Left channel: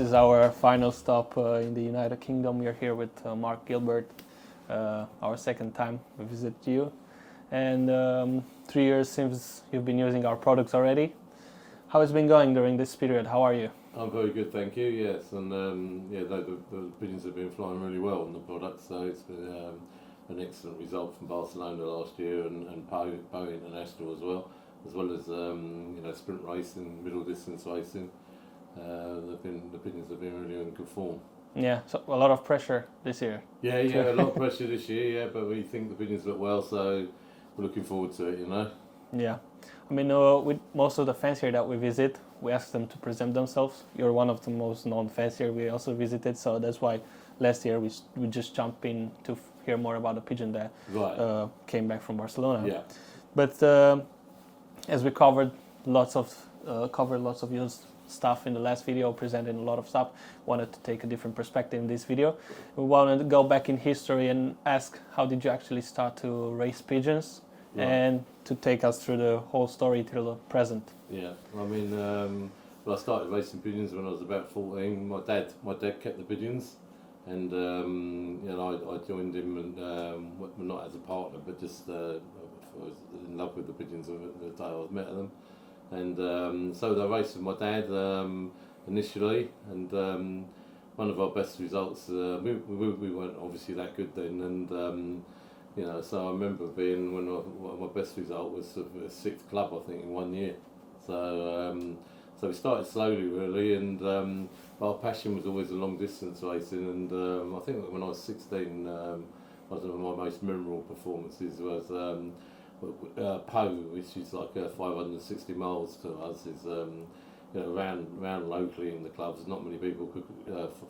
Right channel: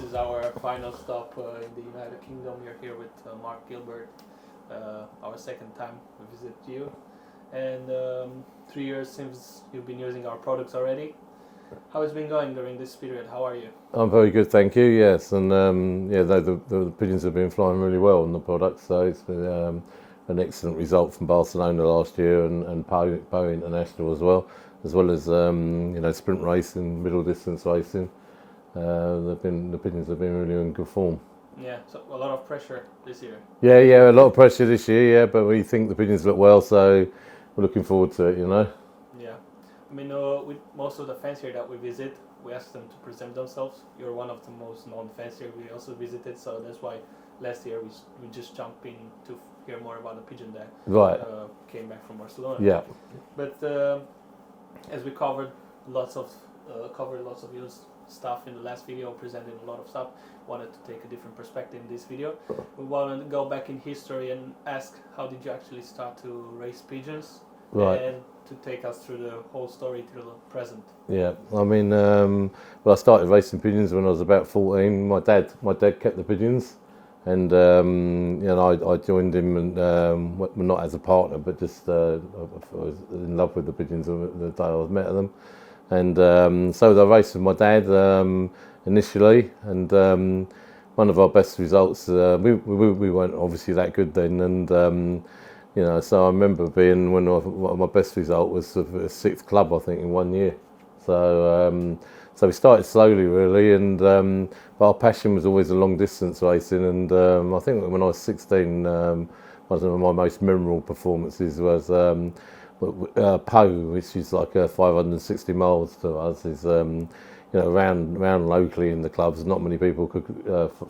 This is our final stop in the United Kingdom. We're here with Mark Gilbert, our second time we visit you. And 3 years since you've been using our products already. How has it been going during this period? How are you? I'm very good, thank you. Yes, and the pigeons have been flying really well on the product, so it's been an excellent result from Barcelona last year and Pau International as well as sprint racing, middle distance racing. The pigeons have been really in good form. Yeah, so a lot of pressure this year. Yeah, a lot of pressure this year. Yeah, but we think the pigeons look well, so we're looking forward to it. Yeah, I mean, with most of the fancier that we visit, we ask them to present themselves. You're one of the most known fancier we also visited, so that's why last year we just jumped in to hear more about the pigeon that came back from Barcelona. Yeah. But as we covered lots of your stuff in the last video, presented a lot of stuff, wanted to take a different perspective in this video. We wanted to go back in history and ask, how did you actually start to raise pigeons? Right. And to take us through the whole story till the present. Yeah, I mean, I started racing pigeons when I was about 14. My dad kept the pigeons, and I joined him, and well, not as a partner, but just I was in love with the pigeons the day I met them, and so I raced with my dad initially, and one of our best results. We weren't obviously that good then, and. So I remember being my best result was a 6th club, I think, in 1 year. So we started slowly, really, and but our passion was always a long distance racing. And I think when I was 16, one of my most memorable performances was Pau, which is like 560 miles to us. Is around locally in the clubs, not many people could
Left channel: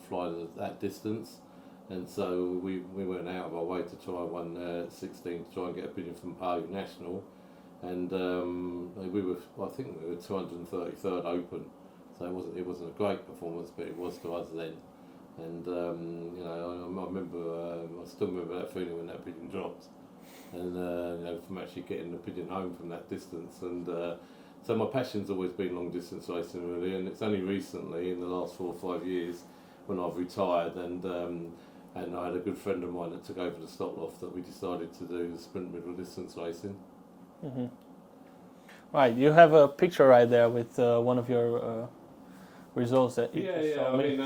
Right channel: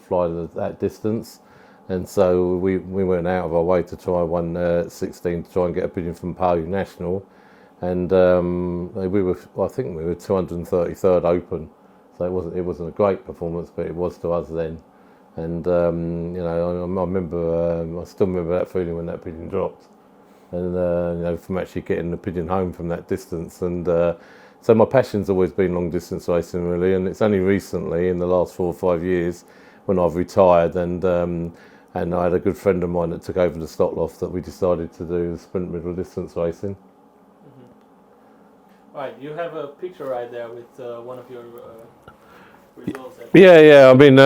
fly that distance. And so we went out of our way to try 1/16 to try and get a pigeon from Pau National, and I think we were 233rd open, so it wasn't a great performance, but it was to us then. And I still remember that feeling when that pigeon dropped, and from actually getting the pigeon home from that distance. And so my passion's always been long distance racing, really, and it's only recently in the last 4 or 5 years when I've retired and I had a good friend of mine that took over the stock loft that we decided to do sprint middle distance racing. Mm-hmm. Right, you have a picture right there with one of your results. Yeah. I mean,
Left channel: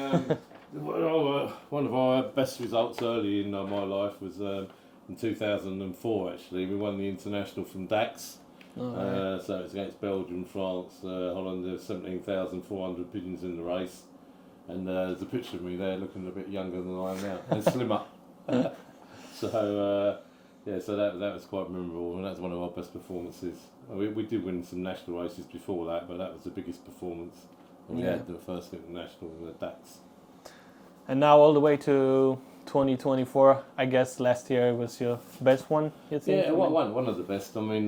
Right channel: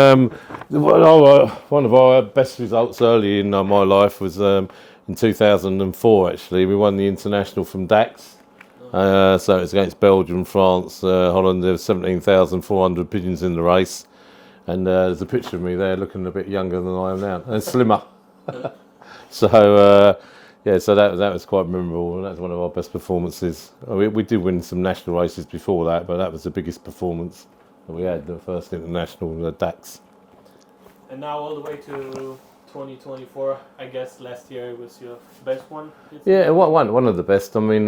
one of our best results early in my life was in 2004. Actually, we won the international from Dax. So it was against Belgium, France, Holland. There were 17,400 pigeons in the race. And there's a picture of me there looking a bit younger than I am now, and slimmer. So that was quite memorable. That was one of our best performances. We did win some national races before that, but that was the biggest performance that we had, the first international DAX. And now all the way to 2024, I guess last year was your best one? Yeah, one of the best. I mean,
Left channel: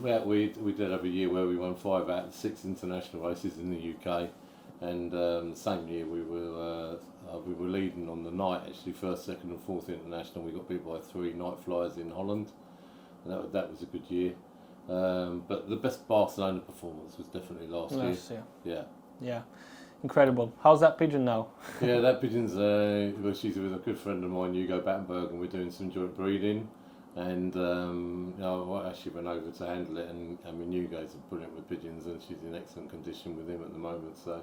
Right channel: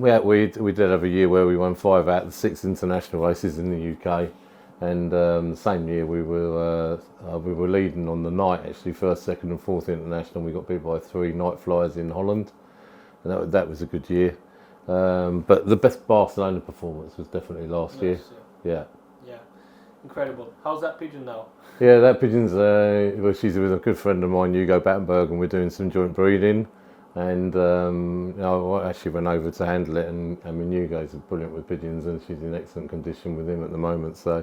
we did have a year where we won 5 out of the 6 international races in the UK. And the same year we were leading on the night, actually, 1st, 2nd and 4th international. We got beat by 3 night flyers in Holland, and that was a good year. But the best Barcelona performance was definitely last year. Yeah, incredible. How's that pigeon now? Yeah, that pigeon's she's with a good friend of mine, Hugo Battenberg, and we're doing some joint breeding. And I actually went over to handle it, and I mean, Hugo's brilliant with pigeons, and she's in excellent condition with him at the moment. So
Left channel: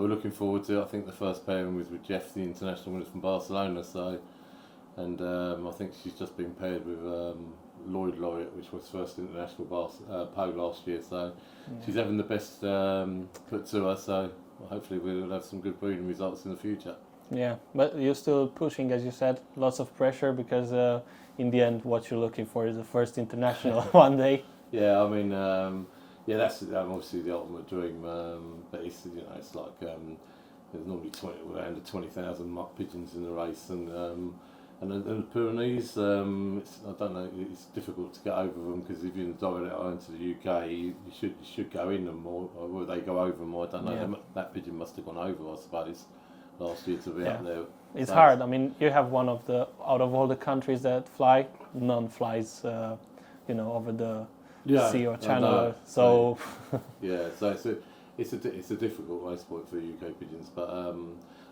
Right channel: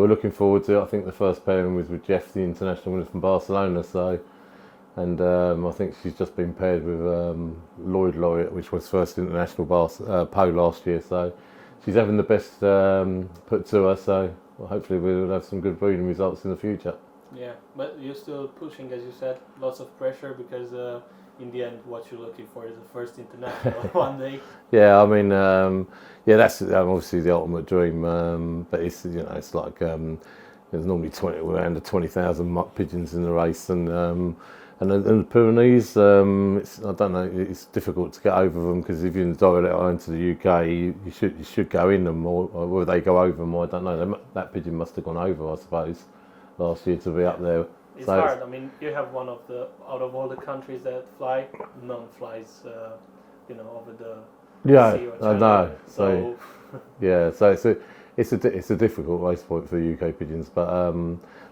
we're looking forward to it. I think the first pairing was with Jeff, the international winner from Barcelona. And I think she's just been paired with Lloyd Laureate, which was first international Pau last year. So she's having the best put to her. So hopefully we'll have some good breeding results in the future. Yeah, but you're still pushing, as you said, lots of pressure because in the end, what you're looking for is the first international one day. Yeah, I mean, that's obviously the ultimate dream. But it's it's like there's normally around 20,000 mutt pigeons in the race, and the Pyrenees, I don't know, it's difficult to get over them because if you direct it into the UK, you should go in them, or will they go over them? I don't know. Yeah. That pigeon must have gone over, I suppose, last year to be up there. It's hard. I mean, you have one of the, out of all the countries that fly, none flies, over the sea or channel. So it's a difficult race point for the UK pigeons, but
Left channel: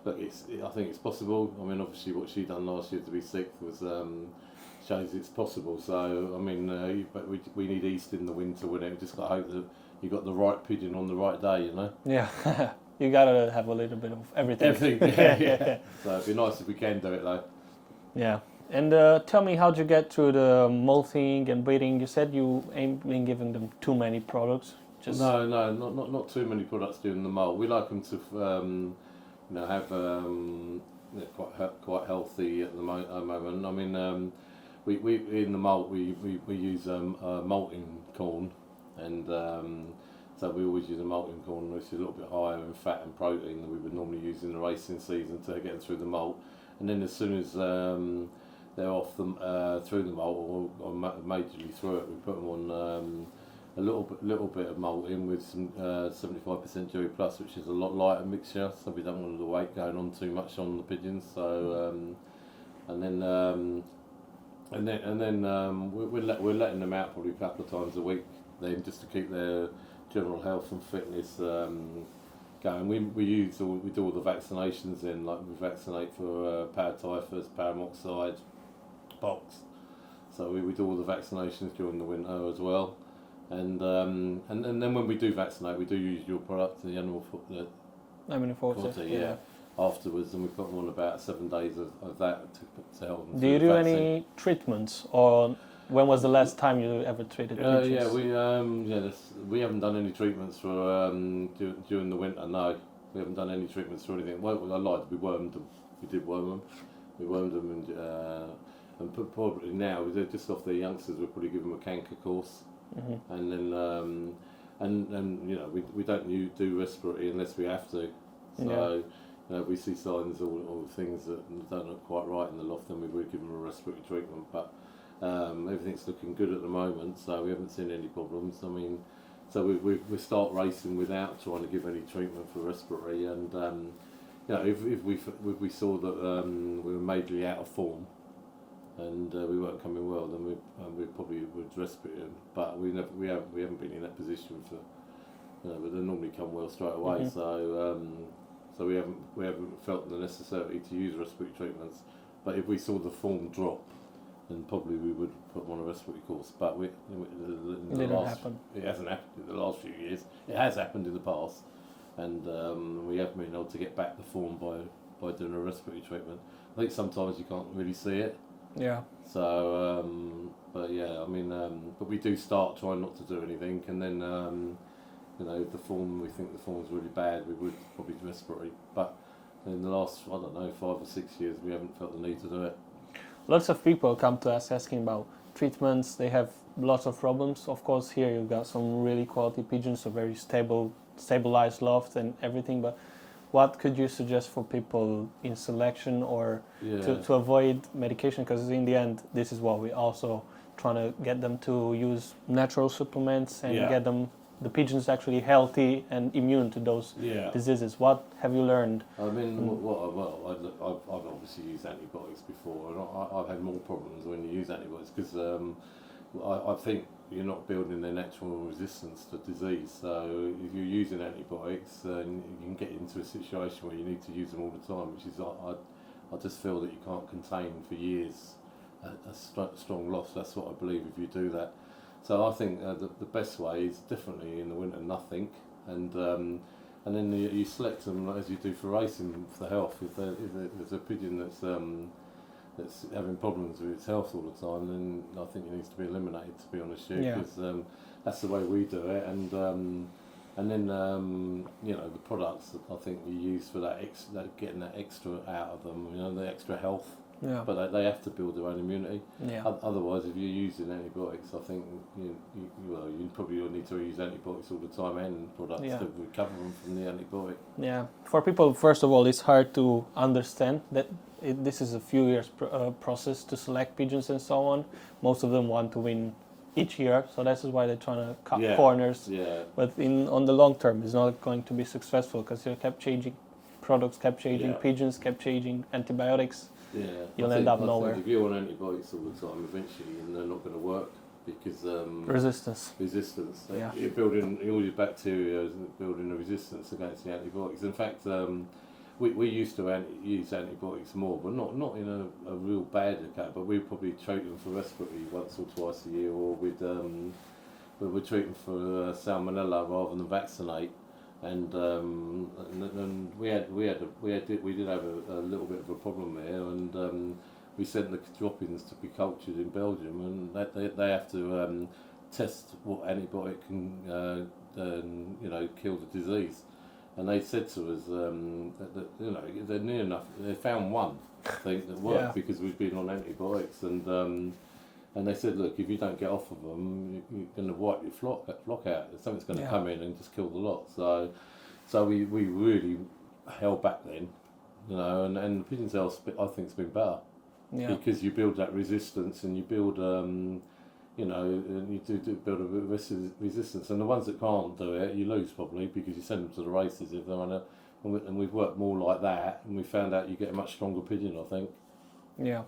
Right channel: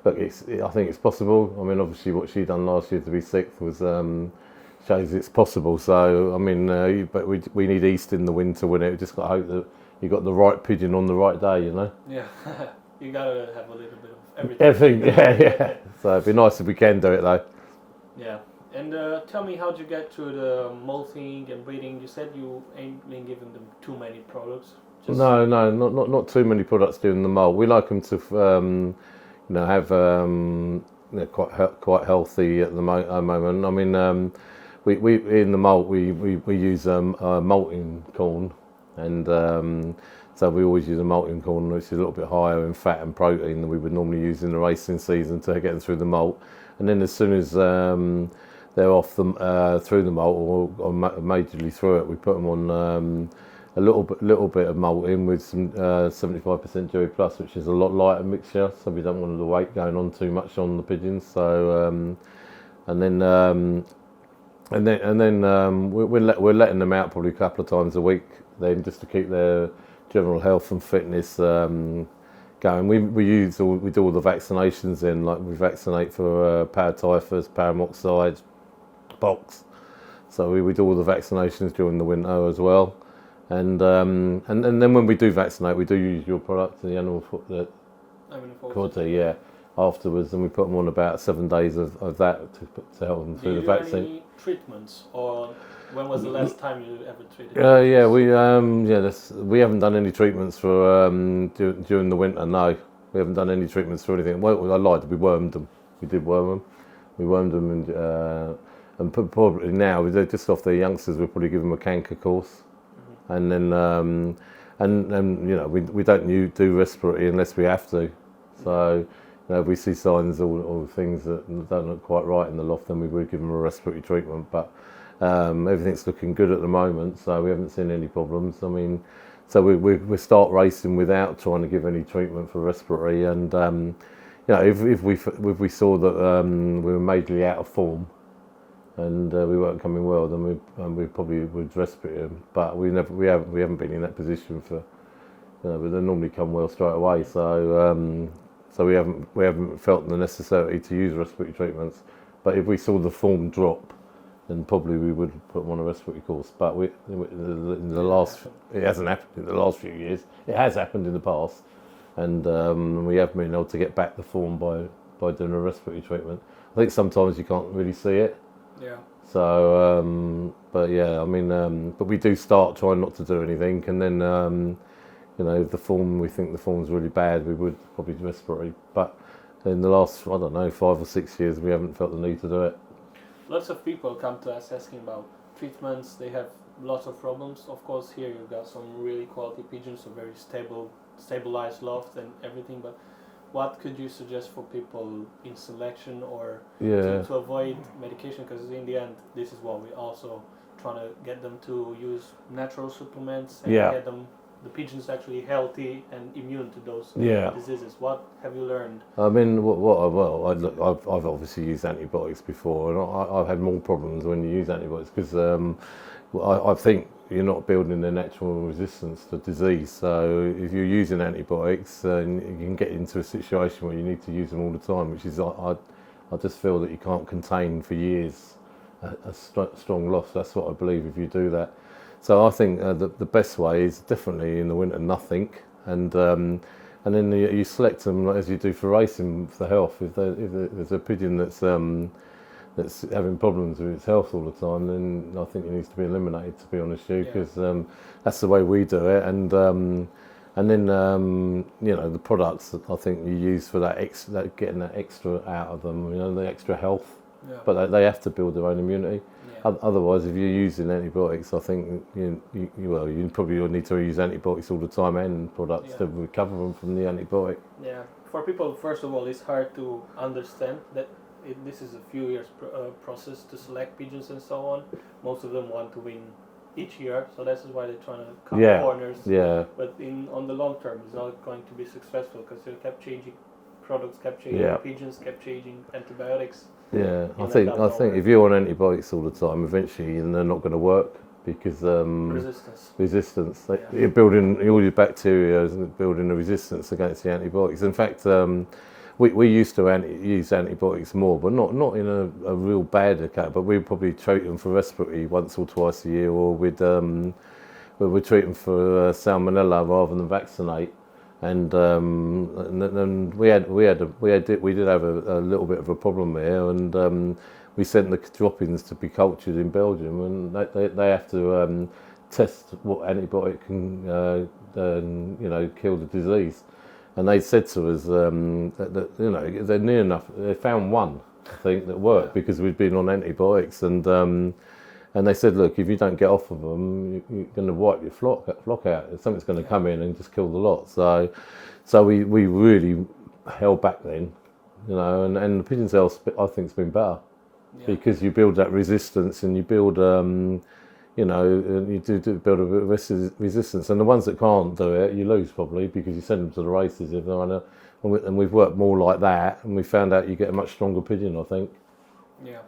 look, I think it's possible. I mean, obviously, what she done last year to be sixth was shows it's possible. So I mean, but we need East in the win to win it. We just got to hope that you got the right pigeon on the right day, you know. Yeah, you gotta have a little bit of everything. Everything, yeah. So it'd be nice if we can do it though. Yeah. And tell me, how'd you get through the molting and breeding? You said you ain't been giving them too many products. No, not too many products doing the molt. We like them to, have they're quite healthy at the moment. I mean, we in the molt we use malting corn, and so we always use a malting corn which is a little bit higher in fat and protein than we would normally use in the racing season to get them through the molt. And then as soon as they're off through the molt or majorly through it, we put them on a little bit of malting with some 75% Dewey Plus, which is a lot lighter mixture, so we don't want the weight going on too much on the pigeons. So and then we're letting them out probably a couple of times a week then, just to keep their general health and fitness going. We do all the vaccinations in, like we vaccinate for paratyphus, paramoxide, pox. So we do all the vaccinations during the winter as well. And then when we do vaccinate, we do use your product, the animal fodder, yeah, afterwards, and we put them on about 7 days of that to help them through the vaccine. Do you do any treatments, or when was the last time you ever treated? Yeah, we haven't done any treatments for during the winter. No, we haven't done any treatments for anything. Well, I lied. We wormed them. We did worm them. We wormed them, and probably now they're just off their youngsters. We'll probably give them a canker course. Mm-hmm. And then and we don't do respiratory unless we have to. So if we see signs or things that don't look quite right in the loft, then we would give them a respiratory treatment. But everything's looking good at the moment, so we haven't seen any problems. I mean, so we start racing without trying to give any treatment for respiratory. And if we saw that we were majorly out of form and we weren't coming well, then we probably would respirate them. But we haven't been in that position for. But they normally come well straight away. Mm-hmm. So we haven't felt the necessity to use respiratory treatments. But if we saw the form drop, then probably we would put them on a respiratory course. But it hasn't happened in the last few years. It has happened in the past, and we have been able to get back the form by doing a respiratory treatment. I think sometimes you can't really see it. Yeah. So, but yeah, I mean, but we do start trying not to do anything, and then, if we think the form's really bad, we would probably do respiratory. But in the last, 5 or 6 years, we haven't felt the need to do it. Lots of people come to us asking about treatments. They have lots of problems. Of course, here you've got some really quality pigeons, so very stabilized loft and everything. But what could you suggest for people in selection or to avoid medication? Because in the end, this is what we also trying to get them to use natural supplements and get the pigeons actually healthy and immune to those diseases. What have you learned? I mean, I've obviously used antibiotics before, and I've had more problems when you use antibiotics because I think you're not building their natural resistance to disease. So if you're using antibiotics, you can get into a situation where you need to use them all the time, which is I just feel that you can't contain for years a strong loss. That's what I believe if you do that. So I think the best way is definitely in the winter nothing, and then you select them as you do for racing for health. If there's a pigeon that's having problems with its health all the time, then I think it needs to be eliminated. To be honest with you, because that's the way we do it, and then the products that I think you use for that getting that extra out of them, the extra health. Yeah. But they have to build their own immunity. Yeah. Otherwise, if you're using antibiotics, I think you probably need to use antibiotics all the time and products to recover them from the antibiotic. Yeah. For people, first of all, it's hard to understand that this is a few years process to select pigeons and so on. Most of them want to win each year, so that's why they're trying to cut corners. Yeah. But on the long term, it's not going to be successful because they kept changing products, kept changing pigeons, kept changing antibiotics. Yeah, I think if you're on antibiotics all the time, eventually they're not going to work. because resistance. You're building all your bacteria and building a resistance against the antibiotics. In fact, we used to use antibiotics more, but not in a real bad account. But we'd probably treat them for respiratory once or twice a year, or we'd treat them for salmonella rather than vaccinate. And we did have a little bit of a problem there, and we sent the droppings to be cultured in Belgium, and they have to test what antibiotic can kill the disease. And they said to us that they're near enough. They found one, I think, that worked because we'd been on antibiotics, and they said, look, if you don't get off of them, you're going to wipe your flock out. Something's going to come in and just kill the lot. So we really held back then, and the pigeon's health, I think, has been better because you build that resistance, and you build, you do build a bit of resistance. And the ones that can't do it, you lose probably because you send them to the races if they're and we've worked more like that, and we found out you get a much stronger pigeon, I think. Yeah.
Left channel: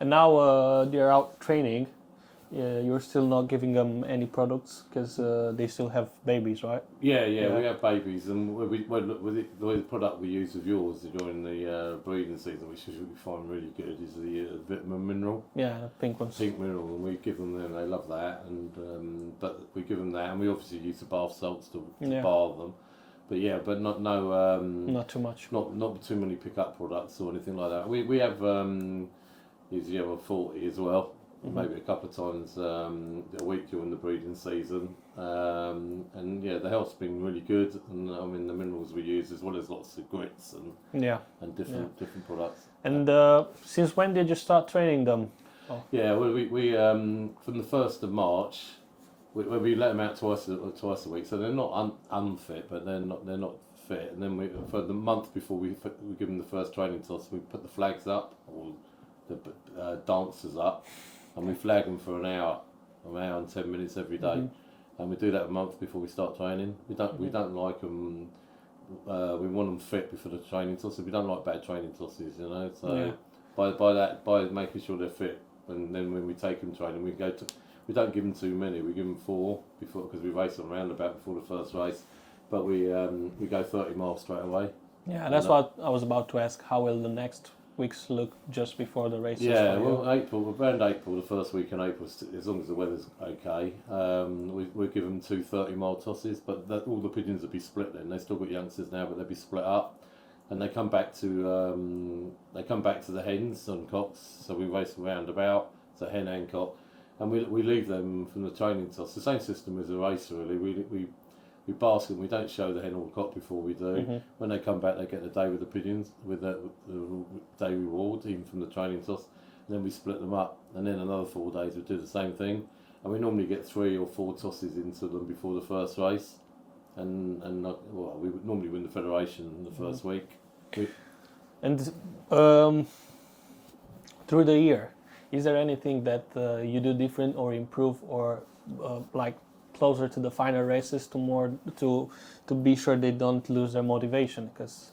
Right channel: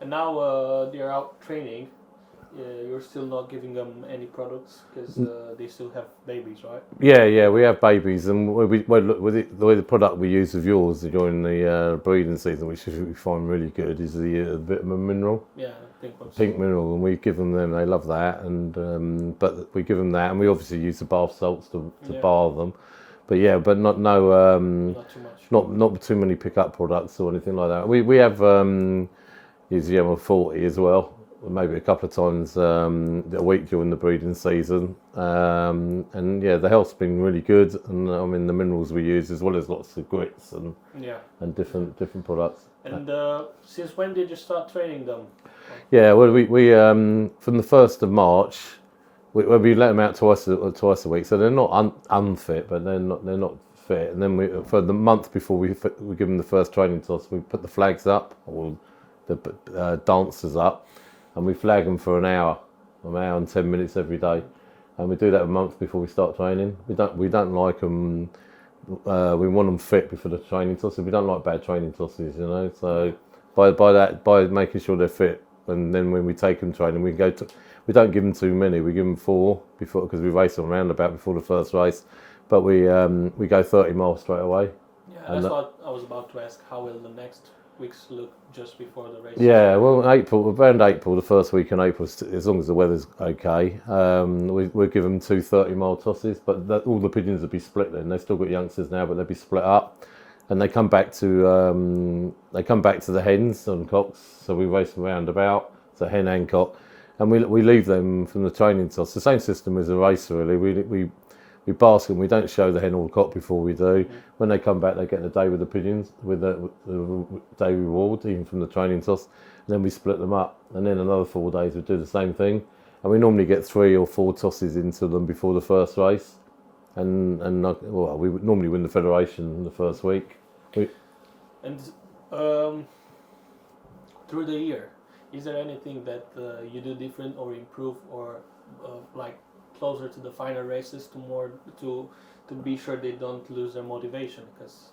And now they're out training. You're still not giving them any products because they still have babies, right? Yeah, we have babies, and the way the product we use of yours during the breeding season, which we find really good, is the vitamin mineral. Yeah, pink ones. Pink mineral, and we give them they love that, and but we give them that, and we obviously use the bath salts to bar them. But not too much. Not too many pickup products or anything like that. We have use the ML40 as well, maybe a couple of times a week during the breeding season. And the health's been really good, and I mean the minerals we use, as well as lots of grits and different products. And since when did you start training them? Yeah, well, we from the 1st of March, we let them out twice a week, so they're not unfit, but they're not fit. And then for the month before we give them the first training toss, we put the flags up, or the dancers up, and we flag them for an hour and 10 minutes every day, and we do that a month before we start training. We don't like them. We want them fit before the training tosses. We don't like bad training tosses, So by making sure they're fit, and then when we take them training, we don't give them too many. We give them 4 before, because we race them roundabout before the first race, but we go 30 miles straight away. Yeah, that's what I was about to ask. How will the next weeks look just before the race? Yeah, well, around April, the first week in April, as long as the weather's okay, we'll give them 2 30-mile tosses, but all the pigeons will be split then. They've still got youngsters now, but they'll be split up, and they come back to the hens and cocks, so we race them roundabout, so hen and cock, and we leave them from the training toss. The same system as a race, really. We basket them. We don't show the hen or the cock before we do. When they come back, they get a day with the pigeons, with the day reward, even from the training toss. And then we split them up. And then another 4 days we do the same thing. And we normally get 3 or 4 tosses into them before the first race. And we would normally win the federation in the first week. And through the year, is there anything that you do different or improve, or like closer to the final races to be sure they don't lose their motivation? Because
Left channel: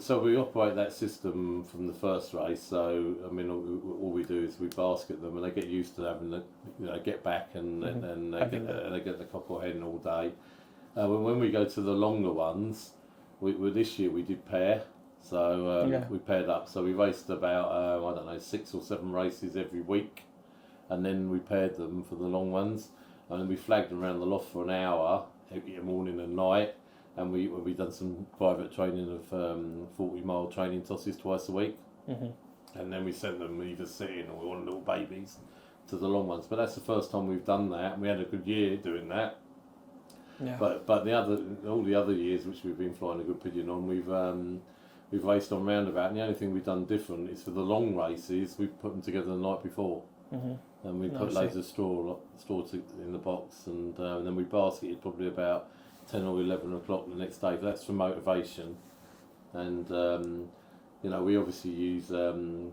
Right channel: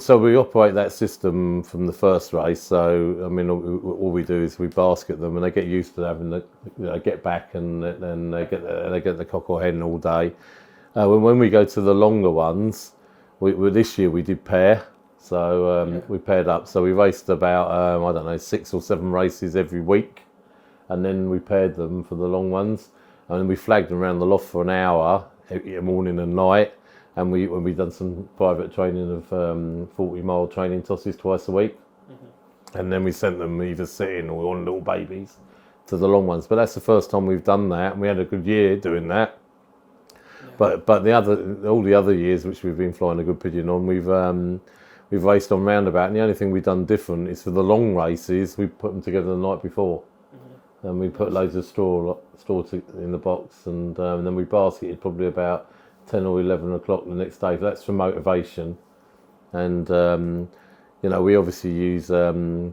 so we operate that system from the first race. So I mean, all we do is we basket them, and they get used to having get back, and then they get the cock or hen all day. When we go to the longer ones, this year we did pair. So we paired up. So we raced about 6 or 7 races every week. And then we paired them for the long ones, and then we flagged them around the loft for an hour, morning and night, and we done some private training of 40-mile training tosses twice a week, and then we sent them either sitting or on little babies to the long ones. But that's the first time we've done that, and we had a good year doing that. Yeah. But all the other years which we've been flying a good pigeon on, we've raced on roundabout, and the only thing we've done different is for the long races we put them together the night before. And we put loads of straw in the box, and then we basketed probably about 10 or 11 o'clock the next day. That's for motivation. And we obviously use the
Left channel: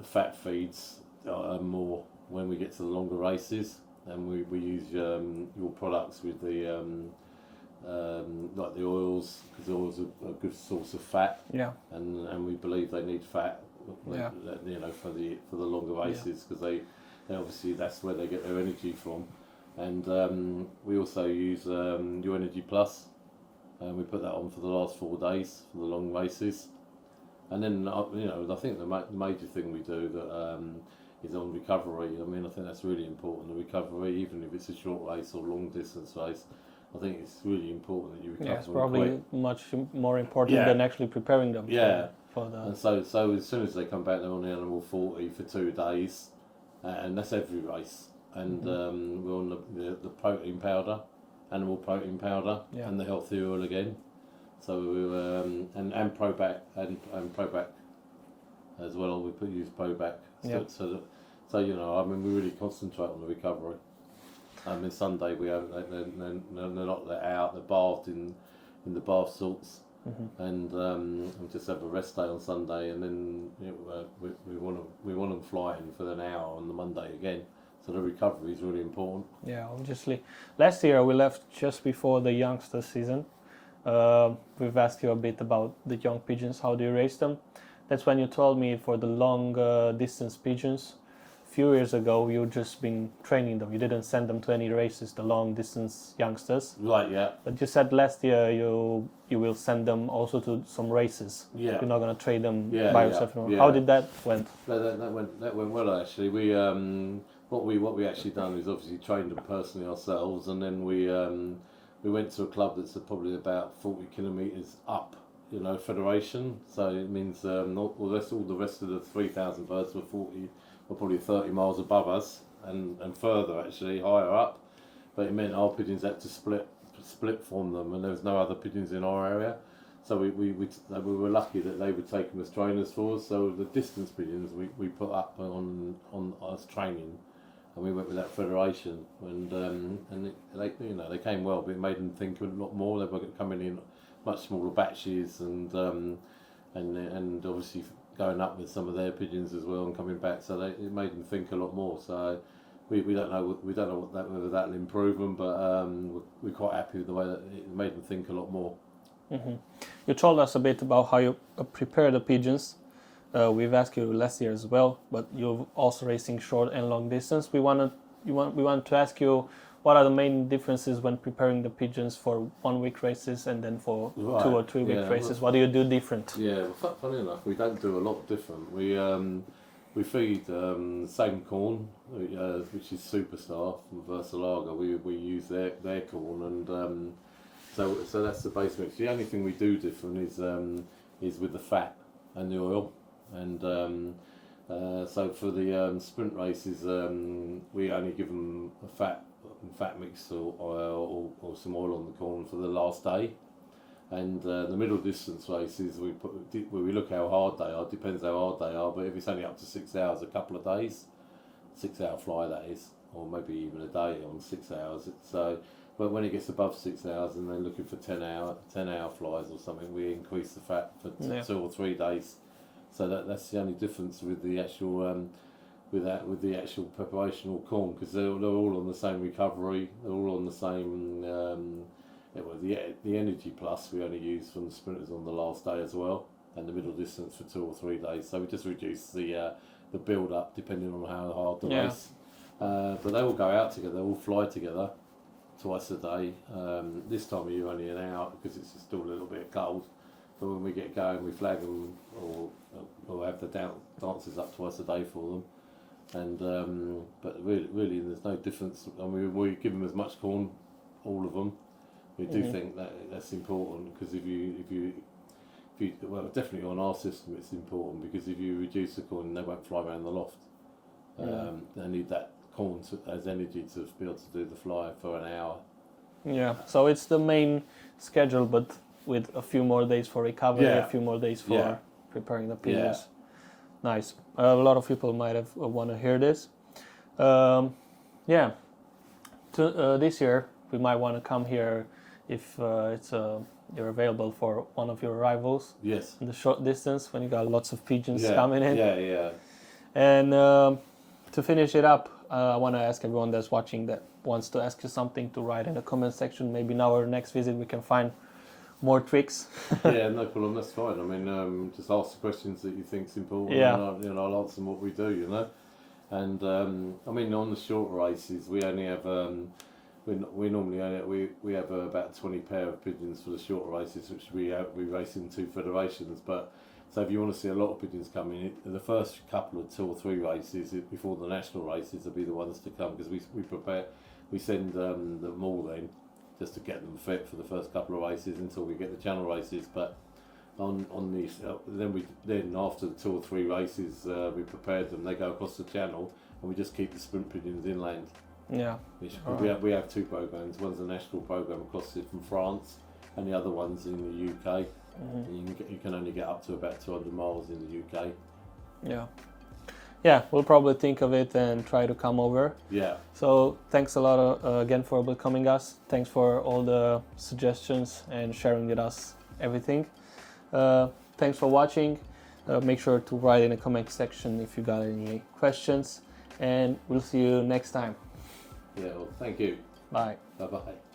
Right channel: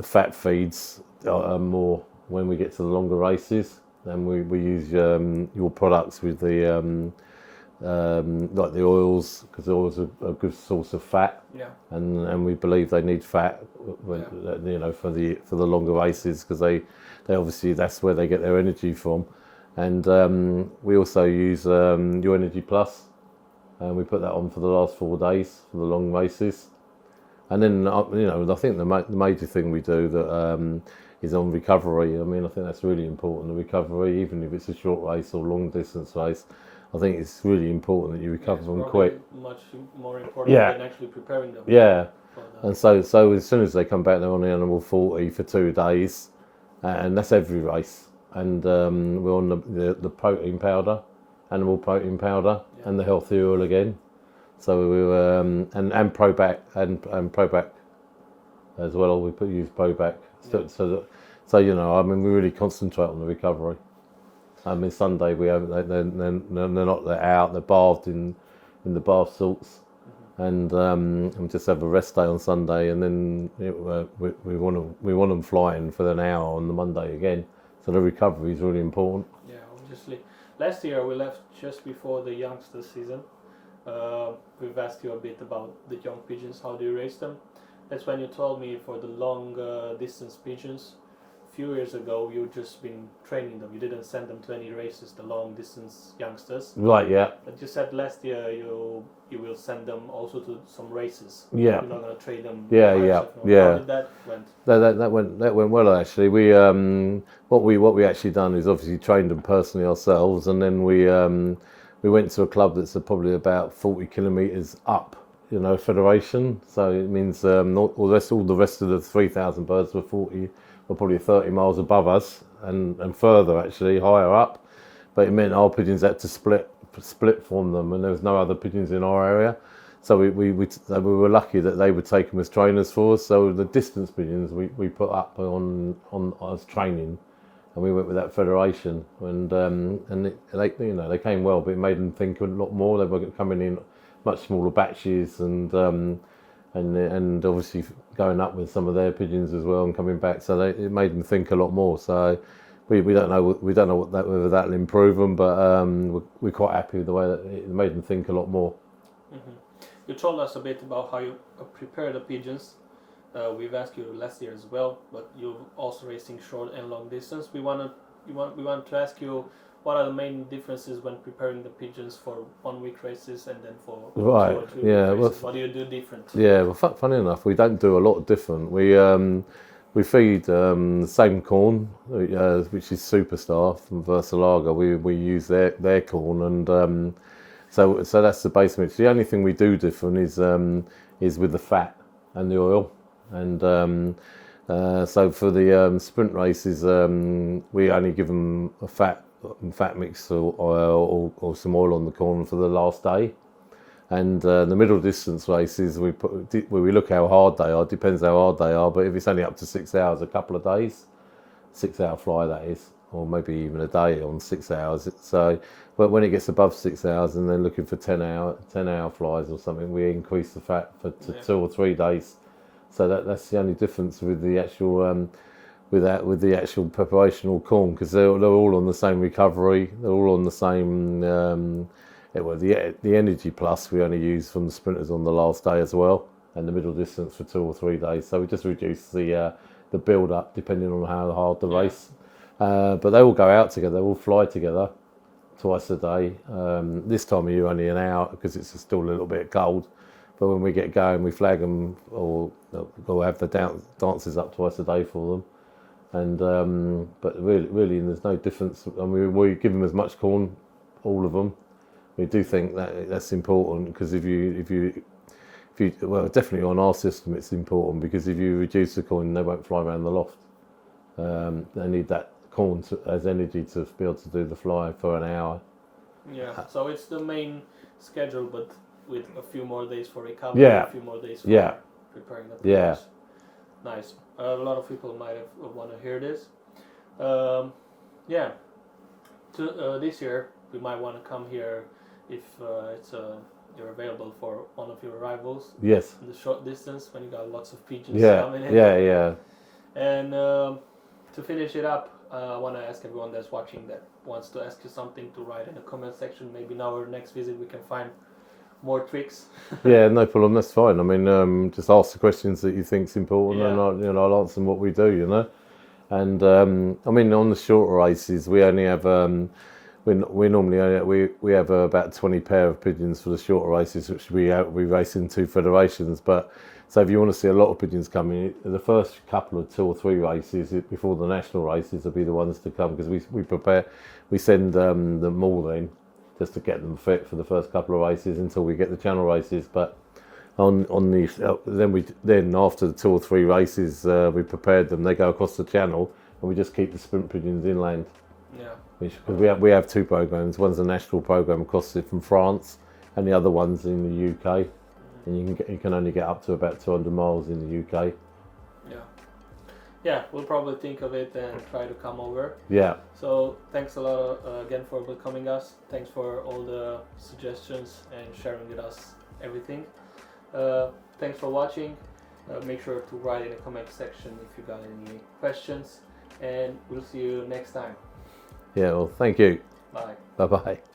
fat feeds more when we get to the longer races, and we use your products with the like the oils, because oils are a good source of fat. Yeah. And we believe they need fat, you know, for the longer races, because they obviously, that's where they get their energy from. And we also use Your Energy Plus, and we put that on for the last 4 days for the long races. And then you know, I think the major thing we do that is on recovery. I mean, I think that's really important. The recovery, even if it's a short race or long distance race, I think it's really important that you recover them quick. Much more important than actually preparing them. Yeah. And so as soon as they come back, they're on the animal 40 for 2 days, and that's every race. And we're on the protein powder, animal protein powder, and the healthy oil again. So we were and Probac and Probac as well. We use Probac. So you know, I mean, we really concentrate on the recovery. I mean, Sunday we have they're out, they're bathed in the bath salts, and we just have a rest day on Sunday, and then we want them flying for an hour on the Monday again. So the recovery is really important. Yeah, obviously. Last year we left just before the youngster season. We've asked you a bit about the young pigeons. How do you raise them? That's when you told me for the long distance pigeons. A few years ago, you've just been training them. You didn't send them to any races, the long distance youngsters. Right. Yeah. But you said last year you will send them also to some races. Yeah. You're not going to trade them. Yeah. By Yeah. yourself. Yeah. How did that went? That went well actually. We what we actually done is obviously trained them personally ourselves, and then we went to a club that's probably about 40 kilometres up, you know, federation. So it means all the rest of the 3,000 birds were probably 30 miles above us, and further actually higher up. But it meant our pigeons had to split from them, and there was no other pigeons in our area. So we were lucky that they would take them as trainers for us. So the distance pigeons we put up on as training. And we went with that federation, and they came well, but it made them think a lot more. They were coming in much smaller batches, and obviously going up with some of their pigeons as well and coming back. So it made them think a lot more. So we don't know whether that'll improve them, but we're quite happy with the way that it made them think a lot more. Mm-hmm. You told us a bit about how you prepare the pigeons. We've asked you last year as well, but you're also racing short and long distance. We want to ask you, what are the main differences when preparing the pigeons for 1 week races and then for 2 or 3 week races? What do you do different? Yeah, well, funny enough, we don't do a lot different. We feed the same corn, which is Superstar from Versalaga. We use their corn, and so that's the base mix. The only thing we do different is with the fat and the oil. And so for the sprint races, we only give them a fat mix or some oil on the corn for the last day. And the middle distance races, we look how hard they are. Depends how hard they are, but if it's only up to 6 hours, a couple of days, 6 hour fly that is, or maybe even a day on 6 hours. But when it gets above 6 hours and they're looking for 10 hour flies or something, we increase the fat to 2 or 3 days. So that's the only difference with the actual with the actual preparation or corn, because they're all on the same recovery. They're all on the same. The Energy Plus we only use from the sprinters on the last day as well, and the middle distance for 2 or 3 days. So we just reduce the build up depending on how hard the race. But they all go out together. They all fly together twice a day. This time of year only an hour because it's still a little bit cold. But when we get going, we flag them, or we'll have the dances up twice a day for them. And but really, there's no difference. I mean, we give them as much corn, all of them. We do think that's important, because if you well, definitely on our system, it's important, because if you reduce the corn, they won't fly around the loft. They need that corn as energy to be able to do the fly for an hour. Yeah. So it's the main schedule, but with a few more days for recovery, a few more days for preparing the pigeons. Nice. A lot of people might have want to hear this. This year we might want to come here if you're available for one of your rivals. Yes. In the short distance, when you got lots of pigeons coming in. Yeah. And to finish it up, I want to ask everyone that's watching that wants to ask you something, to write in the comment section. Maybe in our next visit we can find more tricks. Yeah, no problem. That's fine. I mean, just ask the questions that you think's important, Yeah. and I'll answer them what we do. And I mean, on the shorter races, we only have we normally we have about 20 pair of pigeons for the shorter races, which we race in 2 federations. But so if you want to see a lot of pigeons coming, the first couple of 2 or 3 races before the national races will be the ones to come, because we send them all in just to get them fit for the first couple of races until we get the channel races. But on these, then after the 2 or 3 races, we prepared them. They go across the channel, and we just keep the sprint pigeons inland. Yeah. We have 2 programs. One's a national program across it from France, and the other one's in the UK. And you can only get up to about 200 miles in the UK. Yeah, we'll probably think of it and try to come over. Yeah. So thanks a lot again for becoming us. Thanks for all the suggestions and sharing with us everything. Thanks for watching. Make sure to write in the comment section if you got any questions, and we'll see you next time. Yeah, well, thank you. Bye. Bye-bye.